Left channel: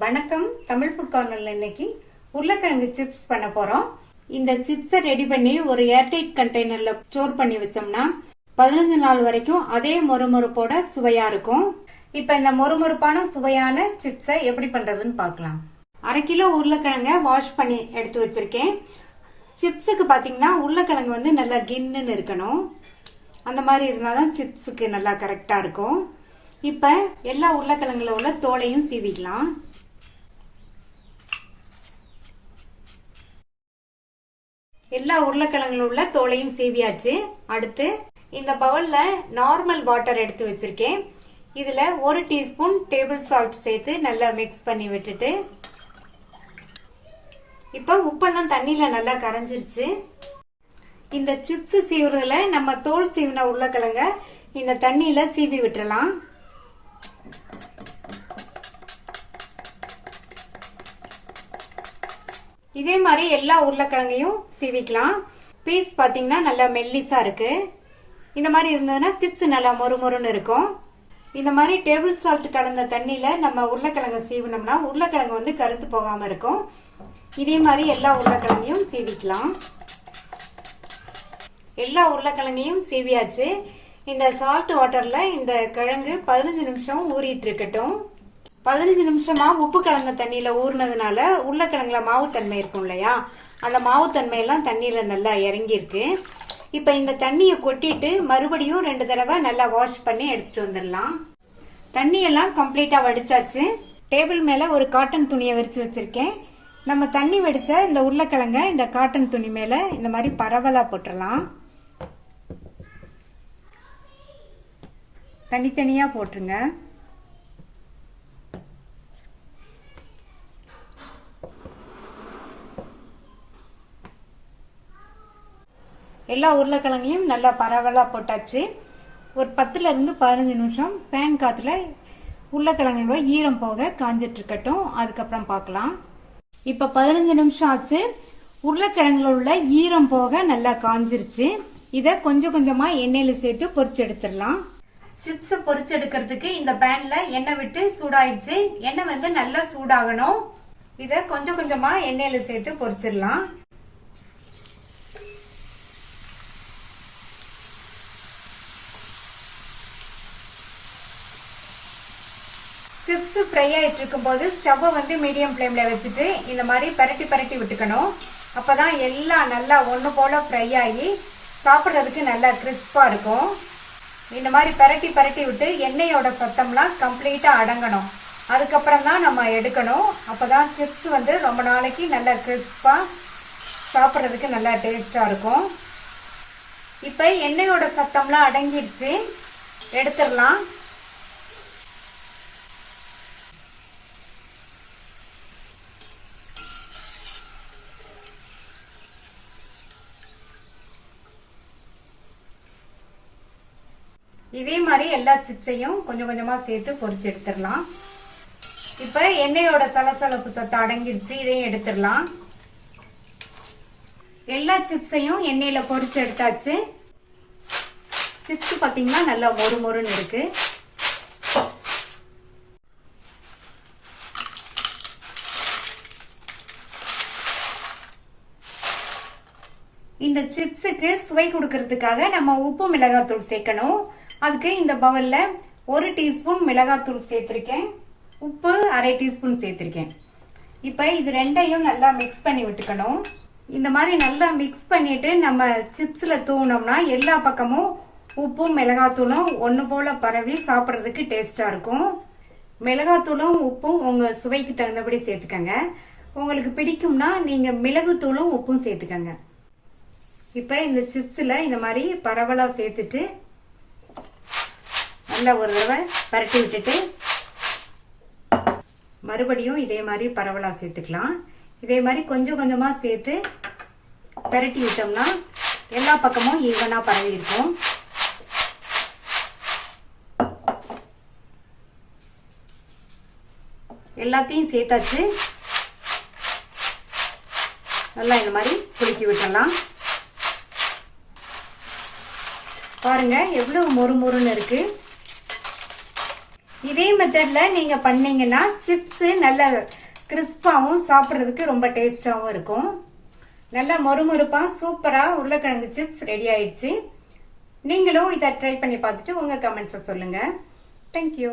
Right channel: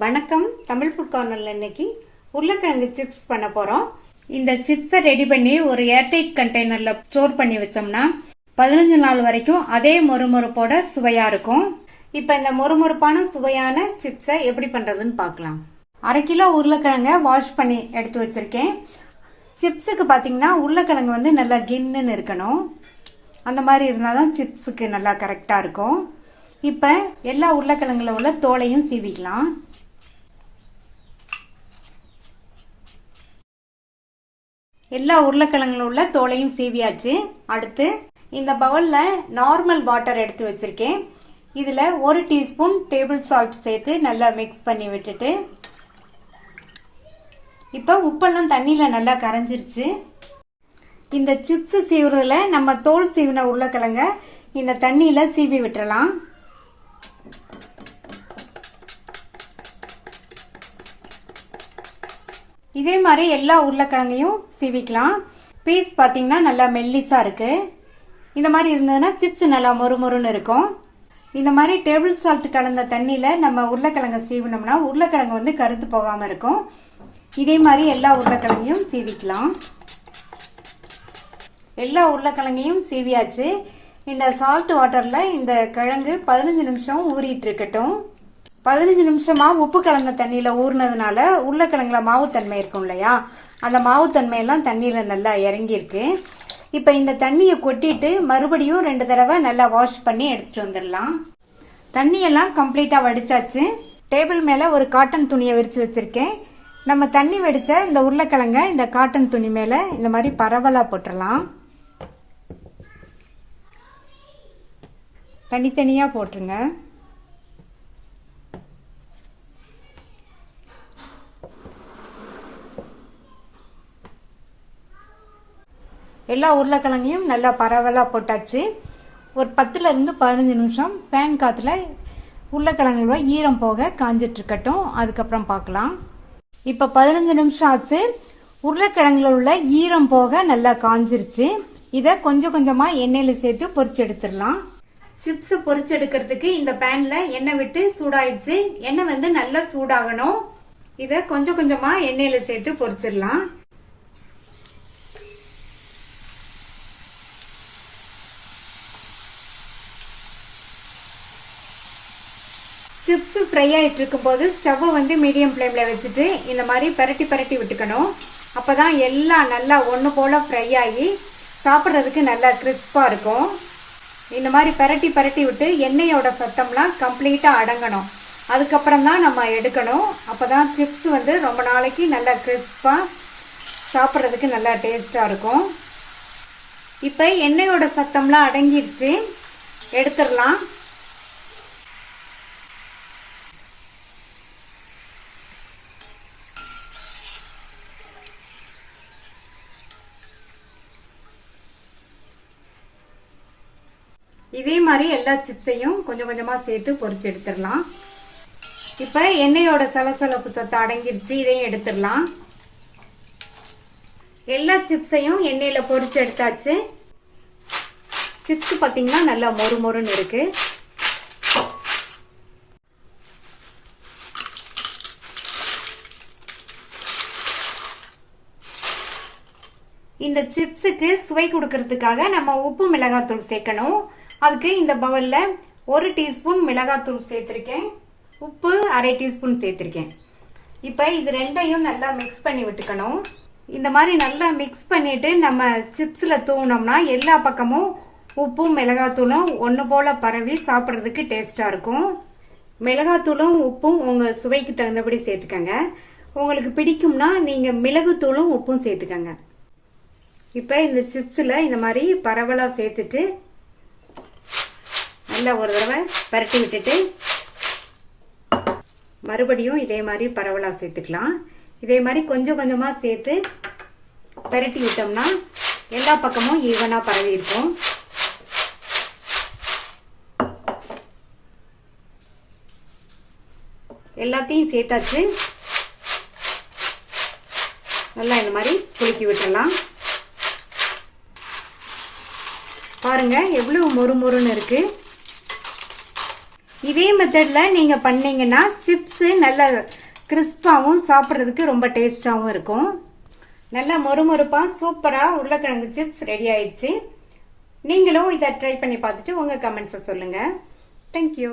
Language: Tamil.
வணக்கம். தமிழ் ஃபுட் கார்னர்ல இன்னைக்கு உருளைக்கிழங்கு சிப்ஸ் பண்ண போறோம். இந்த சிப்ஸை ரெடி பண்ணி ஒரு ஏர்டைட் கண்டெய்னர்ல ஸ்டோர் பண்ணி வச்சோம்னா 15 நாள் வரைக்கும் அதே மொறுமொறுப்போட சுவையா இருக்கும். இப்ப இந்த மொறுமொறுப்பான சுவையான சிப்ஸை எப்படி பண்றதுன்னு பார்க்கலாம். 1/2 கிலோ உருளைக்கிழங்க வாஷ் பண்ணி எடுத்து வச்சிருக்கேன். சிப்ஸுக்கு பாத்தீங்கன்னா உருளைக்கிழங்கு வந்து நல்லா கின்னுன்னு இருக்கணும். அந்த மாதிரி இருந்தாதான் சிப்ஸுக்கு நல்லா கரெக்டா இருக்கும். இப்ப எல்லா உருளைக்கிழங்குல உள்ள தோலையும் சீவிக்கலாம். எல்லா உருளைக்கிழங்குல உள்ள தோலையும் சீவியாச்சு. அடுத்து இந்த பவுல்ல நார்மல் வாட்டர் எடுத்து வச்சிருக்கேன். இதுல 1 டீஸ்பூன் டேபிள் சால்ட் சேர்த்து நல்லா மிக்ஸ் பண்ணி விட்டுட்டு, இப்ப உப்பெல்லாம் தண்ணியில நல்லா கரைஞ்சிருச்சு. இந்த சிப்ஸ் சீவுறதுல நம்ம தோல் சீவின உருளைக்கிழங்க இந்த தண்ணியில சீவி விட்டுறலாம். இதே மாதிரி எல்லா உருளைக்கிழங்கையும் சீவிக்கலாம். பீஸ் பாத்தீங்கன்னா நல்லா மெல்லிசா இருக்கு. இந்த மாதிரி இருந்ததுன்னா சிப்ஸ் நல்லா மொறுமொறுன்னு இருக்கும். இந்த மாதிரி டேபிள் சால்ட் கலந்த தண்ணியில நம்ம உருளைக்கிழங்க சீவினோம்னா உருளைக்கிழங்கு வந்து கருத்து போகாம இருக்கும். இதே மாதிரி எல்லா உருளைக்கிழங்கையும் சீவிக்கலாம். எல்லா உருளைக்கிழங்கையும் சீவியாச்சு. இந்த சால்ட் வாட்டர்ல இந்த கிழங்கு 15 நிமிஷம் ஊறிட்டு இருக்கட்டும். 15 நிமிஷமா உப்பு கலந்த தண்ணியில ஊறினதுனால உருளைக்கிழங்குல மாவுத்தன்மை இருக்கும் இல்லையா, அந்த மாவுத்தன்மை எல்லாம் தண்ணியில நல்லா இறங்கி இருக்கு. இப்ப இந்த தண்ணியை கொட்டிட்டு மறுபடியும் 2 தடவை நல்லா வாஷ் பண்ணி எடுத்துட்டு வந்துடலாம். தண்ணியெல்லாம் கம்ப்ளீட்டா வடிச்சாச்சு. டேபிள் மேல ஒரு காட்டன் துணியை விரிச்சு வச்சிருக்கேன். நம்ம தண்ணி வடிச்ச இந்த உருளைக்கிழங்க இந்த காட்டன் துணி மேல இந்த மாதிரி பரவலா போட்டுடலாம். தனித்தனியா போட்டுருங்க. எல்லா உருளைக்கிழங்கையும் நல்லா பரவலா போட்டாச்சு. ஒரு 10ல இருந்து 15 நிமிஷம் ஃபேன் காத்துல உருளைக்கிழங்குல ஈரம் போக காஞ்சிட்டு இருக்கட்டும். அதுக்கப்புறம் பார்க்கலாம். இப்ப 15 நிமிஷம் ஆச்சு. உருளைக்கிழங்குல உள்ள ஈரம் போக நல்லா காஞ்சிருச்சு. இத கொஞ்சம் கொஞ்சமா எண்ணெயில சேர்த்து பொரிச்சு எடுத்துடலாம். சிப்ஸ் பொரிச்சு எடுக்கிறதுக்கு இந்த பேன்ல எண்ணெய் விட்டு சூடாயிடுச்சு. எண்ணெய் வந்து நல்லா சூடாகணும். இத கொஞ்சம் கொஞ்சமா எண்ணெயில சேர்த்து பொரிச்சிடலாம். சிப்ஸ் ஃப்ரை ஆயிட்டு இருக்கும் போது ஸ்டவ்வை வந்து மீடியம் ஃப்ளேம்ல வச்சுட்டு இந்த மாதிரி பரட்டி பரட்டி விட்டுக்கணும். அப்பதான் எல்லாம் நல்லா ஒண்ணு போல ஃப்ரை ஆகி சாப்பிட்றதுக்கு நல்லா கிறிஸ்பா இருக்கும். இந்த மாதிரி பரட்டி பரட்டி விட்டு எண்ணெயோட சத்தம்லாம் கம்ப்ளீட்டா அடங்கணும். அதுக்கப்புறம் தான் நம்ம எடுக்கணும். அப்பதான் சிப்ஸ் வந்து ரொம்ப நாளைக்கு நல்லா கிறிஸ்பா சாப்பிட்றதுக்கு நல்லா டேஸ்டா இருக்கும். இப்ப எண்ணெயோட சத்தம்லாம் அடங்கிடுச்சு. எடுத்துடலாம். இதே மாதிரி எல்லா சிப்ஸையும் கொஞ்சம் கொஞ்சமா சேர்த்து பொரிச்சு எடுத்துடலாம். இப்ப எண்ணெயோட சலசலப்பு சத்தம் அடங்கிடுச்சு. இதையும் எடுத்துடலாம். எல்லா சிப்ஸையும் எண்ணெயில பொரிச்சு எடுத்தாச்சு. சிப்ஸ் பாத்தீங்கன்னா நல்லா மொறு மொறுன்னு இருக்கு. இந்த சிப்ஸுக்கு சுவை கொடுக்கறதுக்காக நம்ம உப்பு மிளகாத்தூள் சேர்க்கணும். அதுக்கு இந்த பவுல்ல 1 டீஸ்பூன் மிளகாத்தூள் சேர்த்திருக்கேன். உப்பு 1/2 டீஸ்பூன் சேர்த்திருக்கேன். இப்ப இது ரெண்டையும் நல்லா மிக்ஸ் பண்ணி விட்டுக்கணும். இந்த மாதிரி நல்லா மிக்ஸ் பண்ணிட்டு நம்ம சிப்ஸ்ல தூவினோம்னா எல்லா பக்கமும் உப்பும் மிளகாத்தூளும் ஒண்ணு போல பரவி சாப்பிட்றதுக்கு டேஸ்டா இருக்கும். மிளகாத்தூளும் உப்பும் உங்க சுவைக்கு தகுந்தபடி சேர்த்துக்கங்க. உங்களுக்கு பிடிக்கும்னா நீங்க மிளகுத்தூளும் உப்பும் சேர்த்துக்கங்க. இப்ப இந்த சிப்ஸ்ல இந்த மாதிரி பரவலா சேர்த்துட்டு நல்லா ஒரு தடவை பரட்டி விட்டுட்டு மறுபடியும் இதே மாதிரி பரவலா சேர்த்துக்கலாம். இதே மாதிரி கொஞ்சம் கொஞ்சமா சேர்த்து பரட்டி விட்டோம்னா எல்லா பக்கமும் ஈவனா பரவி இருக்கும். எல்லாத்தையும் சேர்த்தாச்சு. நல்லா இந்த மாதிரி குலுக்கி விட்டுடலாம். பாருங்க எவ்வளவு மொறு மொறுன்னு இருக்கு. இதே மெத்தட்ல நீங்க பண்ணீங்கன்னா சிப்ஸ் நல்ல கிறிஸ்பாவும் சாப்பிடுறதுக்கு ரொம்ப டேஸ்டாவும் இருக்கும். நல்லா மொறுமொறுப்பா சூப்பரா உருளைக்கிழங்கு சிப்ஸ் ரெடி ஆயிடுச்சு. நீங்களும் இதை ட்ரை பண்ணி பார்த்துட்டு உங்க கமெண்ட்ஸ் சொல்லுங்க. தேங்க்யூ.